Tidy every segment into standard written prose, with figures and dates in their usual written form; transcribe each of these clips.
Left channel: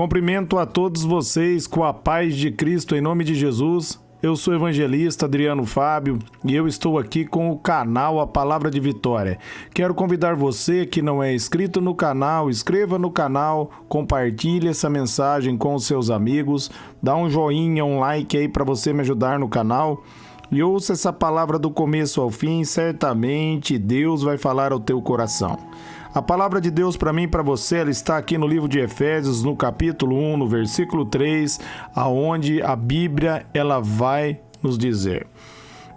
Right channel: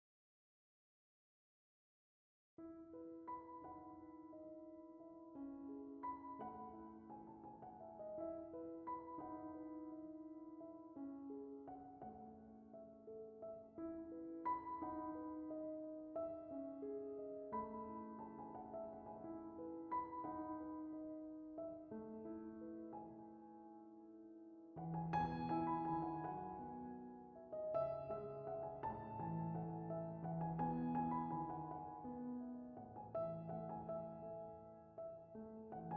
Cumprimento a todos vocês com a paz de Cristo em nome de Jesus. Eu sou o evangelista Adriano Fábio e eu estou aqui com o canal A Palavra de Vitória. Quero convidar você que não é inscrito no canal, inscreva no canal, compartilhe essa mensagem com os seus amigos, dá um joinha, um like aí para você me ajudar no canal. E ouça essa palavra do começo ao fim, certamente Deus vai falar ao teu coração. A palavra de Deus para mim e para você, ela está aqui no livro de Efésios, no capítulo 1, no versículo 3, aonde a Bíblia ela vai nos dizer:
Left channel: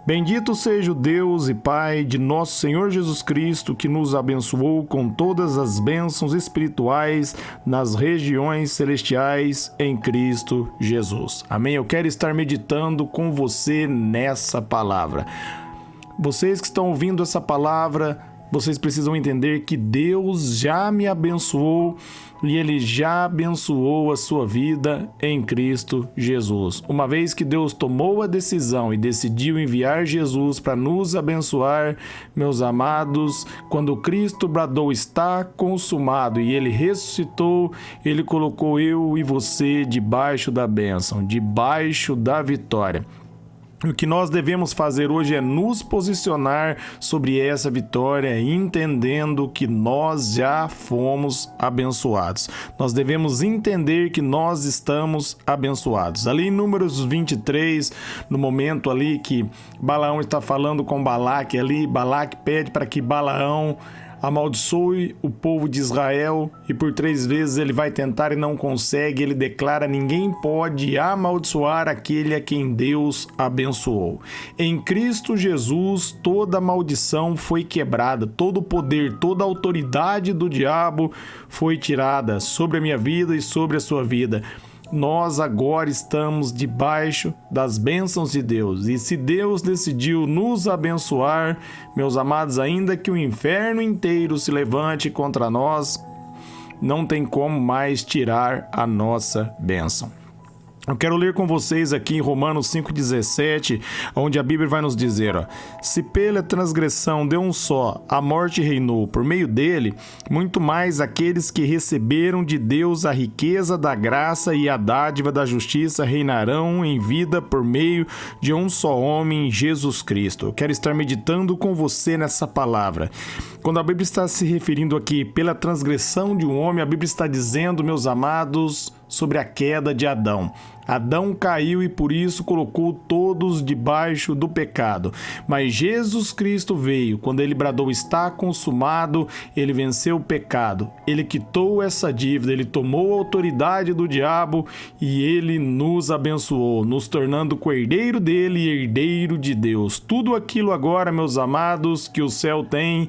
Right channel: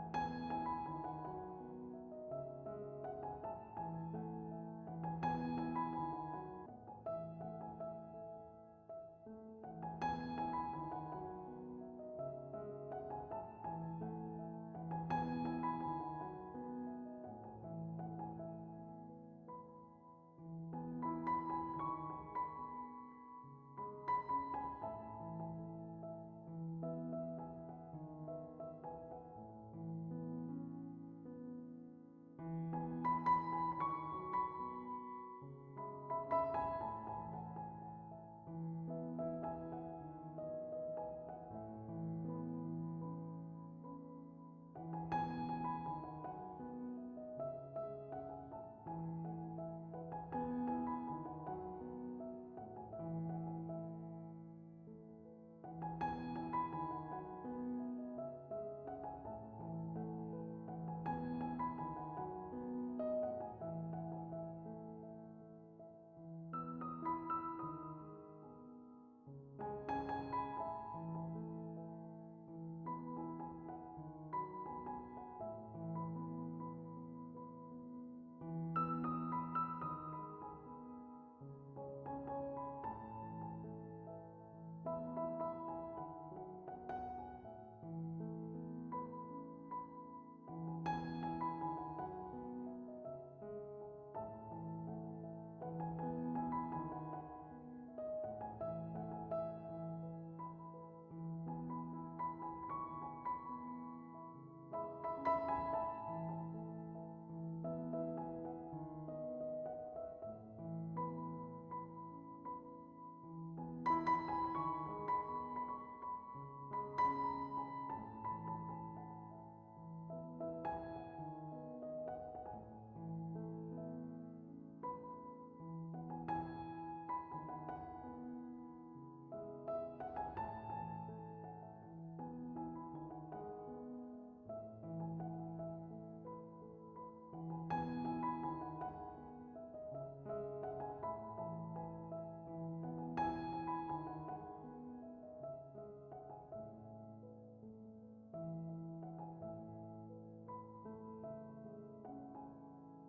Bendito seja o Deus e Pai de nosso Senhor Jesus Cristo, que nos abençoou com todas as bênçãos espirituais nas regiões celestiais em Cristo Jesus. Amém? Eu quero estar meditando com você nessa palavra. Vocês que estão ouvindo essa palavra, vocês precisam entender que Deus já me abençoou e Ele já abençoou a sua vida em Cristo Jesus. Uma vez que Deus tomou a decisão e decidiu enviar Jesus para nos abençoar, meus amados, quando Cristo bradou está consumado e Ele ressuscitou, Ele colocou eu e você debaixo da bênção, debaixo da vitória. O que nós devemos fazer hoje é nos posicionar sobre essa vitória, entendendo que nós já fomos abençoados. Nós devemos entender que nós estamos abençoados. Ali em Números 23, no momento ali que Balaão está falando com Balaque, ali Balaque pede para que Balaão amaldiçoe o povo de Israel e por 3 vezes ele vai tentar e não consegue. Ele declara: ninguém pode amaldiçoar aquele a quem Deus abençoou. Em Cristo Jesus toda maldição foi quebrada, todo o poder, toda a autoridade do diabo foi tirada sobre a minha vida e sobre a sua vida. Nós agora estamos debaixo das bênçãos de Deus. E se Deus decidiu nos abençoar, meus amados, ainda que o inferno inteiro se levante contra nós, não tem como mais tirar a nossa bênção. Eu quero ler com vocês aqui em Romanos 5,17, onde a Bíblia vai nos dizer: se pela transgressão de um só a morte reinou por meio dele, muito mais aqueles que receberam de Deus a riqueza da graça e a dádiva da justiça reinarão em vida por meio de um só homem, Jesus Cristo. Eu quero estar meditando com você nessa palavra. Quando a Bíblia está se referindo aqui pela transgressão de um homem, a Bíblia está dizendo, meus amados, sobre a queda de Adão. Adão caiu e por isso colocou todos debaixo do pecado. Mas Jesus Cristo veio, quando ele bradou está consumado, ele venceu o pecado. Ele quitou essa dívida, ele tomou a autoridade do diabo e ele nos abençoou, nos tornando co-herdeiro dele e herdeiro de Deus. Tudo aquilo agora, meus amados, que o céu tem,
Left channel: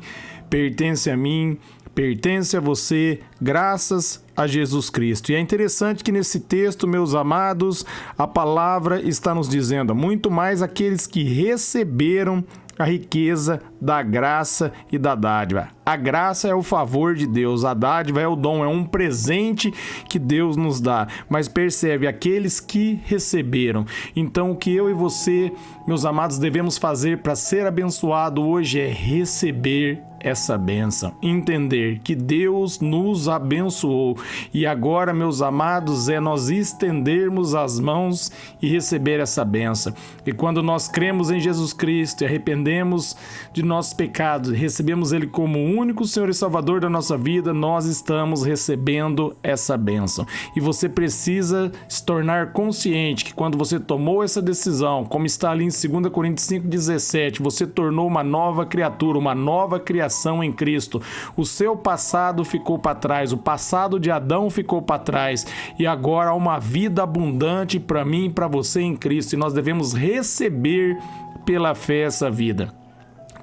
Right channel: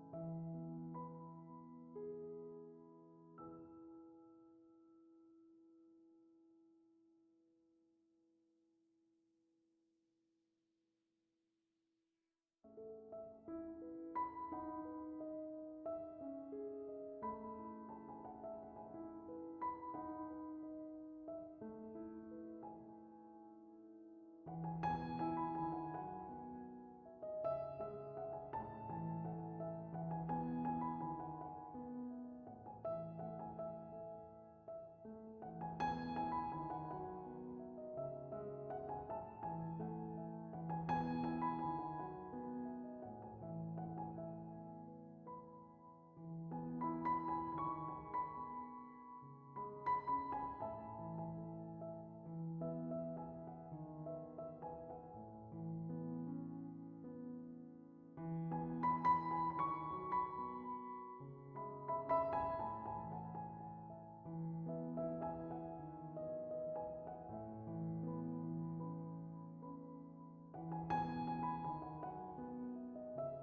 pertence a mim, pertence a você, graças a Jesus Cristo. E é interessante que nesse texto, meus amados, a palavra está nos dizendo: muito mais aqueles que receberam a riqueza da graça e da dádiva. A graça é o favor de Deus, a dádiva é o dom, é um presente que Deus nos dá. Mas percebe, aqueles que receberam. Então o que eu e você, meus amados, devemos fazer para ser abençoado hoje é receber essa bênção, entender que Deus nos abençoou e agora, meus amados, é nós estendermos as mãos e receber essa bênção. E quando nós cremos em Jesus Cristo e arrependemos de nossos pecados, recebemos Ele como o único Senhor e Salvador da nossa vida, nós estamos recebendo essa bênção. E você precisa se tornar consciente que quando você tomou essa decisão, como está ali em 2 Coríntios 5,17, você tornou uma nova criatura, uma nova criação em Cristo. O seu passado ficou para trás, o passado de Adão ficou para trás e agora há uma vida abundante para mim e para você em Cristo e nós devemos receber pela fé essa vida.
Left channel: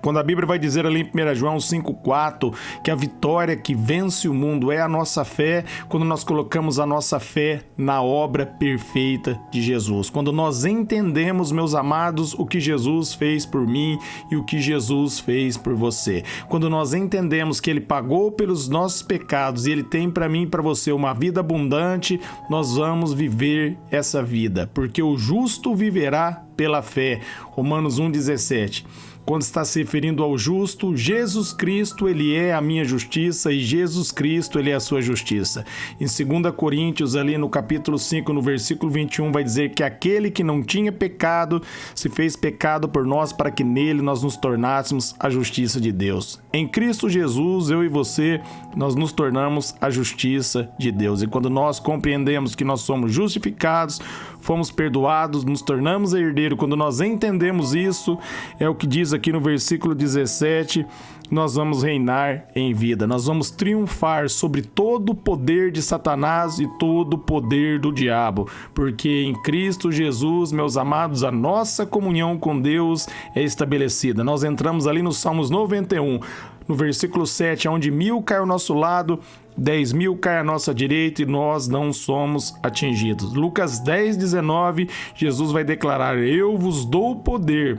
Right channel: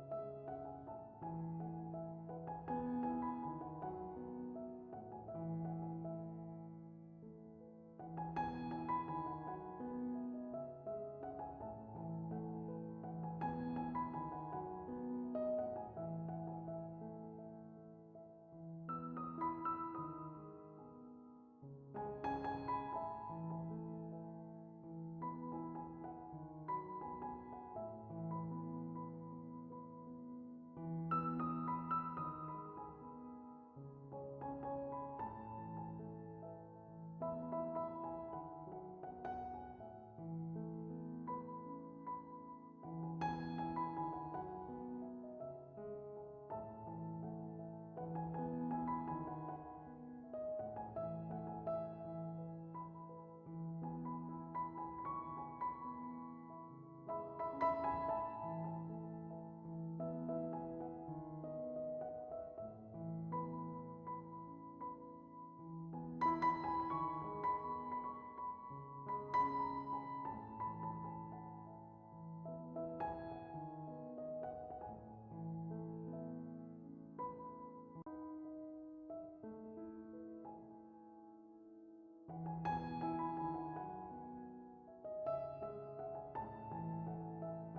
Quando a Bíblia vai dizer ali em 1 João 5,4 que a vitória que vence o mundo é a nossa fé, quando nós colocamos a nossa fé na obra perfeita de Jesus. Quando nós entendemos, meus amados, o que Jesus fez por mim e o que Jesus fez por você. Quando nós entendemos que Ele pagou pelos nossos pecados e Ele tem para mim e para você uma vida abundante, nós vamos viver essa vida, porque o justo viverá pela fé. Romanos 1,17. quando está se referindo ao justo, Jesus Cristo, ele é a minha justiça e Jesus Cristo, ele é a sua justiça. Em 2 Coríntios, ali no capítulo 5, no versículo 21, vai dizer que aquele que não tinha pecado se fez pecado por nós para que nele nós nos tornássemos a justiça de Deus. Em Cristo Jesus, eu e você, nós nos tornamos a justiça de Deus. E quando nós compreendemos que nós somos justificados, fomos perdoados, nos tornamos herdeiro, quando nós entendemos isso, é o que diz aqui no versículo 17, nós vamos reinar em vida, nós vamos triunfar sobre todo o poder de Satanás e todo o poder do diabo, porque em Cristo Jesus, meus amados, a nossa comunhão com Deus é estabelecida. Nós entramos ali no Salmos 91, no versículo 7, onde 1000 cai ao nosso lado, 10.000 cai à nossa direita e nós não somos atingidos. Lucas 10:19, Jesus vai declarar: eu vos dou poder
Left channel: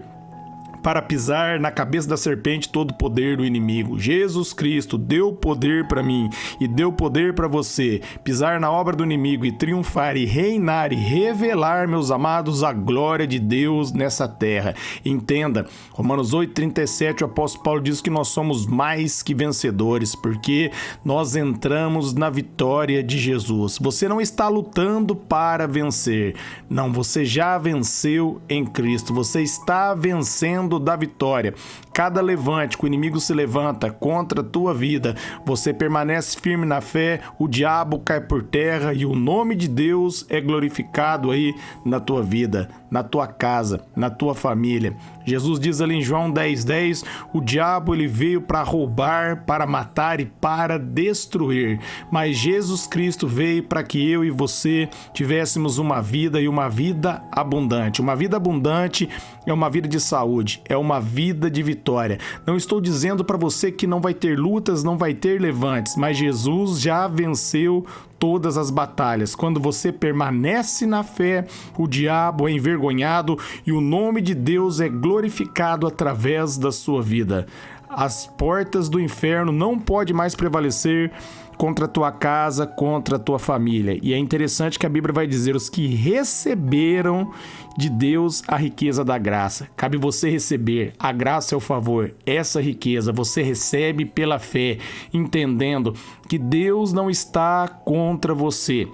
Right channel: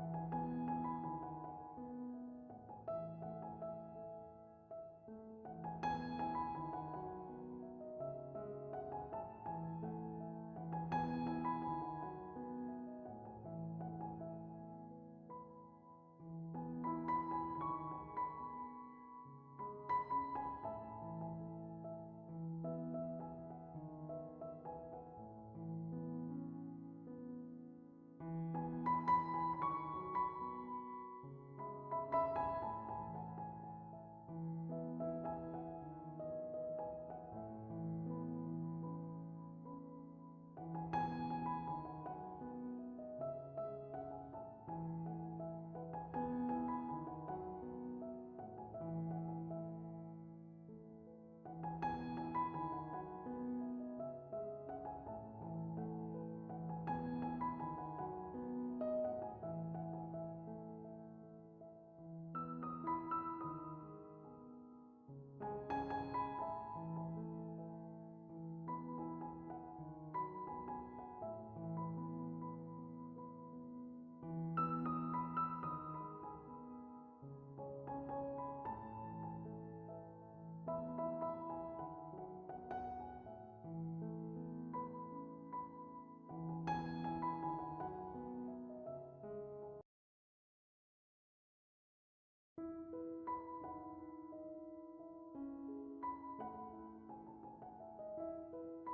para pisar na cabeça da serpente todo o poder do inimigo. Jesus Cristo deu poder para mim e deu poder para você pisar na obra do inimigo e triunfar e reinar e revelar, meus amados, a glória de Deus nessa terra. Entenda, Romanos 8:37, o apóstolo Paulo diz que nós somos mais que vencedores, porque nós entramos na vitória de Jesus. Você não está lutando para vencer, não, você já venceu em Cristo, você está vencendo da vitória. Cada levante que o inimigo se levanta contra a tua vida, você permanece firme na fé, o diabo cai por terra e o nome de Deus é glorificado aí na tua vida, na tua casa, na tua família. Jesus diz ali em João 10:10, o diabo ele veio para roubar, para matar e para destruir, mas Jesus Cristo veio para que eu e você tivéssemos uma vida e uma vida abundante. Uma vida abundante é uma vida de saúde, é uma vida de vitória. Não estou dizendo para você que não vai ter lutas, não vai ter levantes, mas Jesus já venceu todas as batalhas. Quando você permanece na fé, o diabo é envergonhado e o nome de Deus é glorificado através da sua vida. As portas do inferno não podem mais prevalecer contra a tua casa, contra a tua família. E é interessante que a Bíblia vai dizer: os que receberam de Deus a riqueza da graça. Cabe você receber. A graça é o favor. Essa riqueza você recebe pela fé, entendendo que Deus não está contra você.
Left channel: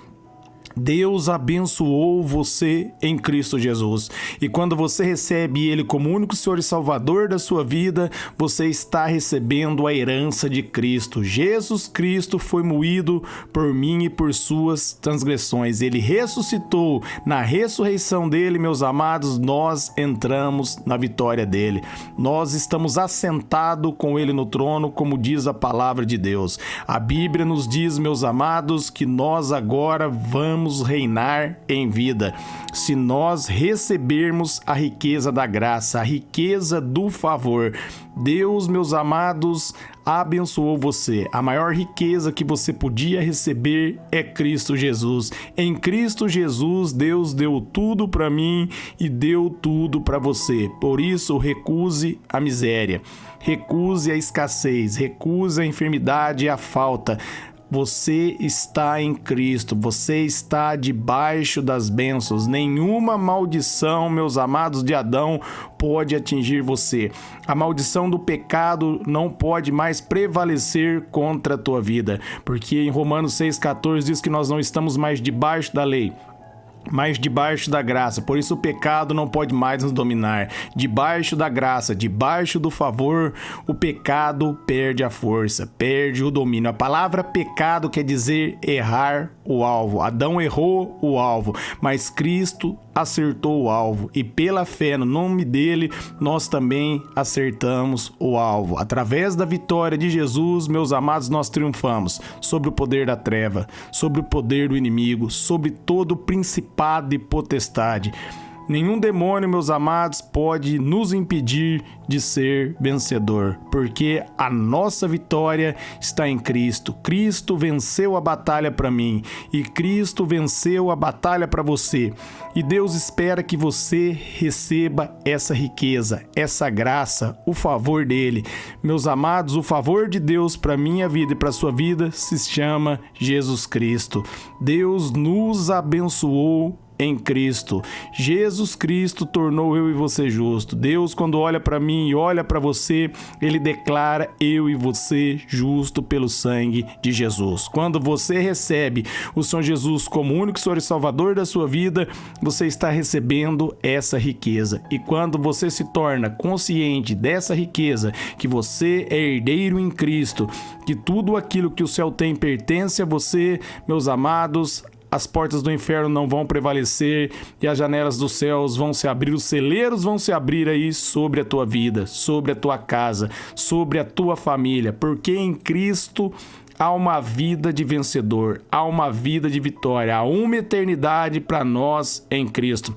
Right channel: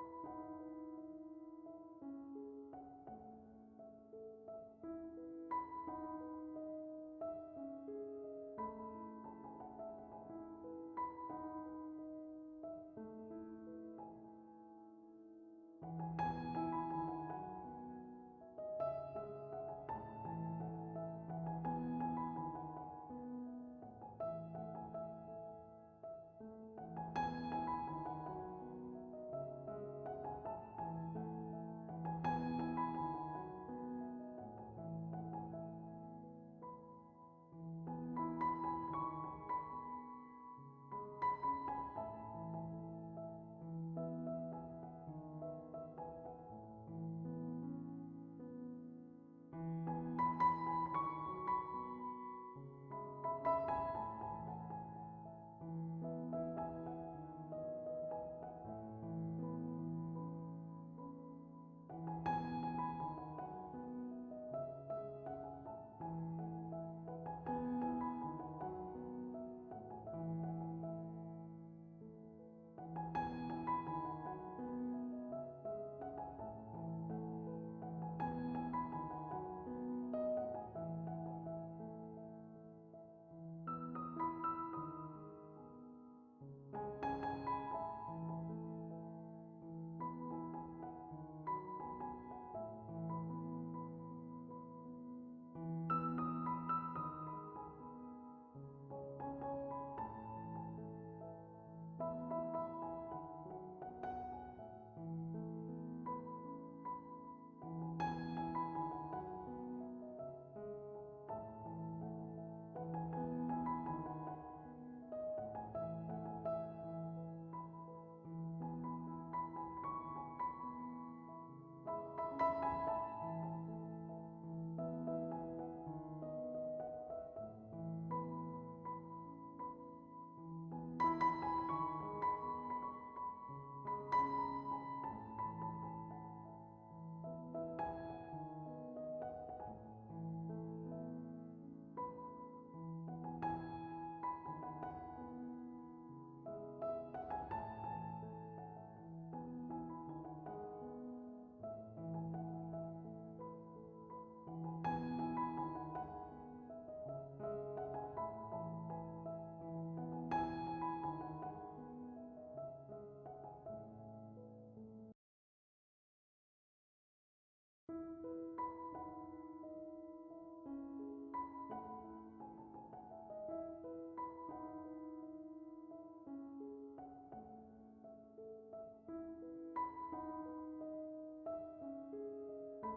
Deus abençoou você em Cristo Jesus. E quando você recebe Ele como único Senhor e Salvador da sua vida, você está recebendo a herança de Cristo. Jesus Cristo foi moído por mim e por suas transgressões. Ele ressuscitou. Na ressurreição dele, meus amados, nós entramos na vitória dele. Nós estamos assentados com ele no trono, como diz a palavra de Deus. A Bíblia nos diz, meus amados, que nós agora vamos reinar em vida, se nós recebermos a riqueza da graça, a riqueza do favor. Deus, meus amados, abençoou você. A maior riqueza que você podia receber é Cristo Jesus. Em Cristo Jesus, Deus deu tudo para mim e deu tudo para você. Por isso, recuse a miséria, recuse a escassez, recuse a enfermidade e a falta. Você está em Cristo, você está debaixo das bênçãos. Nenhuma maldição, meus amados, de Adão pode atingir você. A maldição do pecado não pode mais prevalecer contra a tua vida, porque em Romanos 6,14 diz que nós não estamos mais debaixo da lei, mas debaixo da graça. Por isso o pecado não pode mais nos dominar. Debaixo da graça, debaixo do favor, o pecado perde a força, perde o domínio. A palavra pecado quer dizer errar o alvo. Adão errou o alvo, mas Cristo acertou o alvo. E pela fé no nome dele, nós também acertamos o alvo. Através da vitória de Jesus, meus amados, nós triunfamos sobre o poder da treva, sobre o poder do inimigo, sobre todo o principado e potestade. Nenhum demônio, meus amados, pode nos impedir de ser vencedor, porque a nossa vitória está em Cristo. Cristo venceu a batalha para mim e Cristo venceu a batalha para você. E Deus espera que você receba essa riqueza, essa graça, o favor dele. Meus amados, o favor de Deus para minha vida e para sua vida se chama Jesus Cristo. Deus nos abençoou em Cristo. Jesus Cristo tornou eu e você justo. Deus, quando olha para mim e olha para você, ele declara eu e você justo pelo sangue de Jesus. Quando você recebe o Senhor Jesus como único Senhor e Salvador da sua vida, você está recebendo essa riqueza. E quando você se torna consciente dessa riqueza, que você é herdeiro em Cristo, que tudo aquilo que o céu tem pertence a você, meus amados, as portas do inferno não vão prevalecer e as janelas dos céus vão se abrir, os celeiros vão se abrir aí sobre a tua vida, sobre a tua casa, sobre a tua família, porque em Cristo há uma vida de vencedor, há uma vida de vitória, há uma eternidade para nós em Cristo.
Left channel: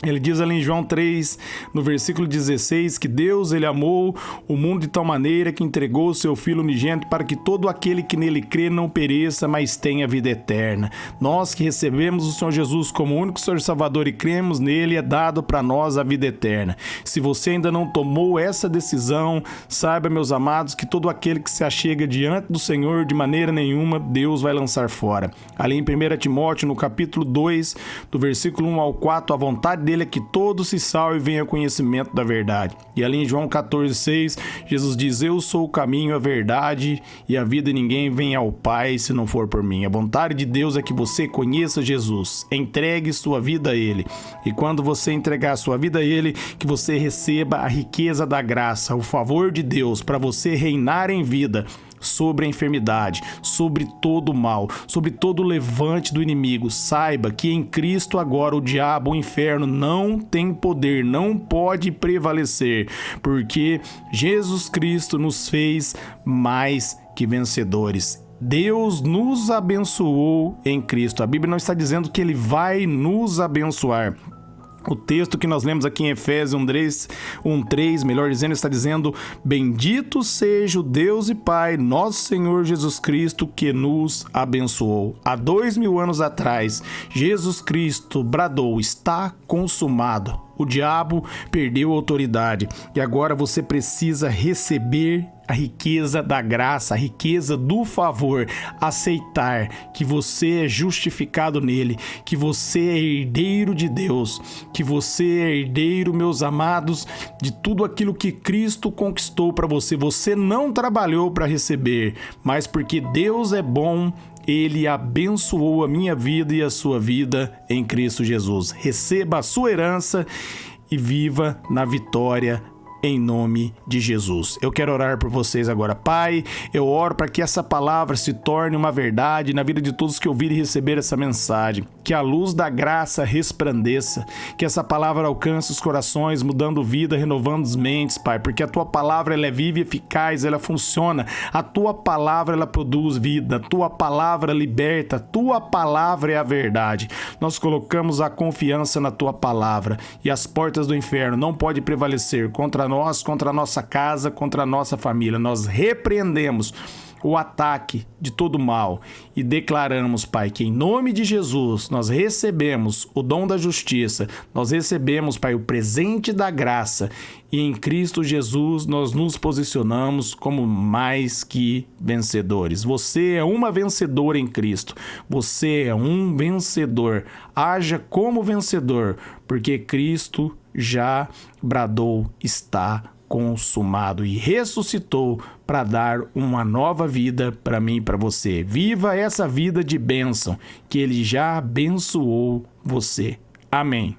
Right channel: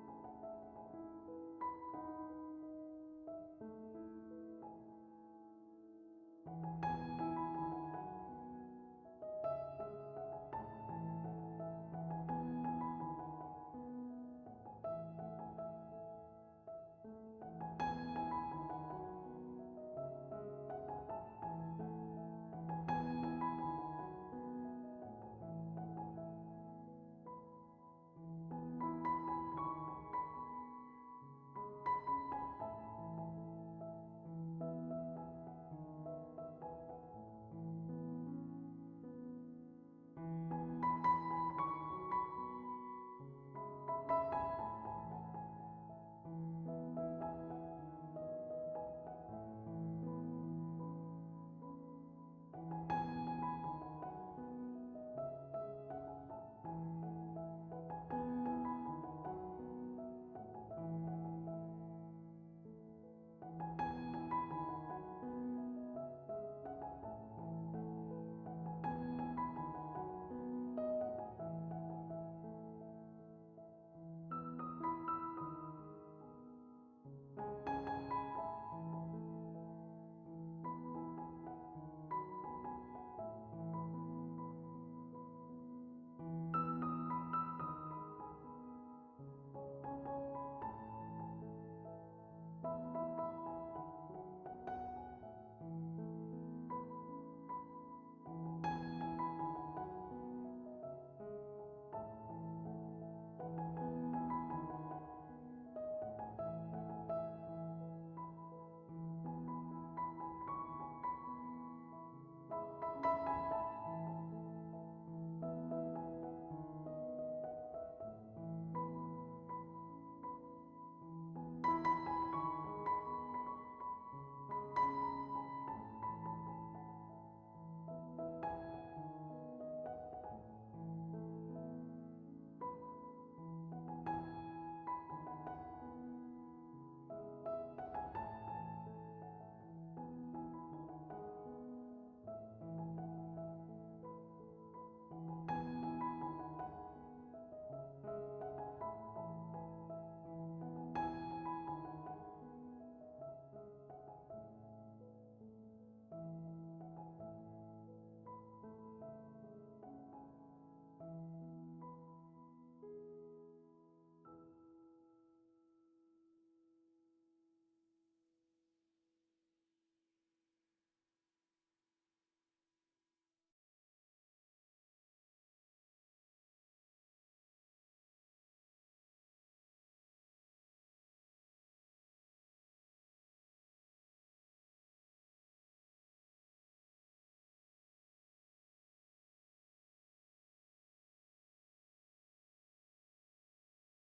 Ele diz ali em João 3, no versículo 16, que Deus, ele amou o mundo de tal maneira que entregou o seu Filho unigênito para que todo aquele que nele crê não pereça, mas tenha vida eterna. Nós que recebemos o Senhor Jesus como único Senhor e Salvador e cremos nele, é dado para nós a vida eterna. Se você ainda não tomou essa decisão, saiba, meus amados, que todo aquele que se achega diante do Senhor, de maneira nenhuma, Deus vai lançar fora. Ali em 1 Timóteo, no capítulo 2, do versículo 1 ao 4, a vontade dele é que todos se salvem e venham ao conhecimento da verdade. E ali em João 14,6, Jesus diz: eu sou o caminho, a verdade e a vida, e ninguém vem ao Pai se não for por mim. A vontade de Deus é que você conheça Jesus, entregue sua vida a Ele. E quando você entregar sua vida a Ele, que você receba a riqueza da graça, o favor de Deus para você reinar em vida sobre a enfermidade, sobre todo o mal, sobre todo o levante do inimigo. Saiba que em Cristo agora o diabo, o inferno não tem poder, não pode prevalecer, porque Jesus Cristo nos fez mais que vencedores. Deus nos abençoou em Cristo. A Bíblia não está dizendo que Ele vai nos abençoar. O texto que nós lemos aqui em Efésios 1:3, melhor dizendo, está dizendo: bendito seja o Deus e Pai, nosso Senhor Jesus Cristo, que nos abençoou. Há 2000 anos atrás, Jesus Cristo bradou: está consumado. O diabo perdeu a autoridade e agora você precisa receber a riqueza da graça, a riqueza do favor, aceitar que você é justificado nele, que você é herdeiro de Deus, que você é herdeiro, meus amados, de tudo aquilo que Cristo conquistou para você. Você não trabalhou para receber, mas porque Deus é bom, Ele abençoou a minha vida e a sua vida em Cristo Jesus. Receba a sua herança e viva na vitória em nome de Jesus. Eu quero orar por vocês agora. Pai, eu oro para que essa palavra se torne uma verdade na vida de todos que ouvirem e receber essa mensagem. Que a luz da graça resplandeça, que essa palavra alcance os corações, mudando vida, renovando as mentes, Pai, porque a Tua palavra ela é viva e eficaz, ela funciona. A Tua palavra ela produz vida, a Tua palavra liberta, a Tua palavra é a verdade. Nós colocamos a confiança na Tua palavra e as portas do inferno não podem prevalecer contra nós, contra a nossa casa, contra a nossa família. Nós repreendemos o ataque de todo mal e declaramos, Pai, que em nome de Jesus nós recebemos o dom da justiça, nós recebemos, Pai, o presente da graça e em Cristo Jesus nós nos posicionamos como mais que vencedores. Você é uma vencedora em Cristo, você é um vencedor, haja como vencedor, porque Cristo já bradou: está consumado, e ressuscitou para dar uma nova vida para mim e para você. Viva essa vida de bênção, que Ele já abençoou você. Amém.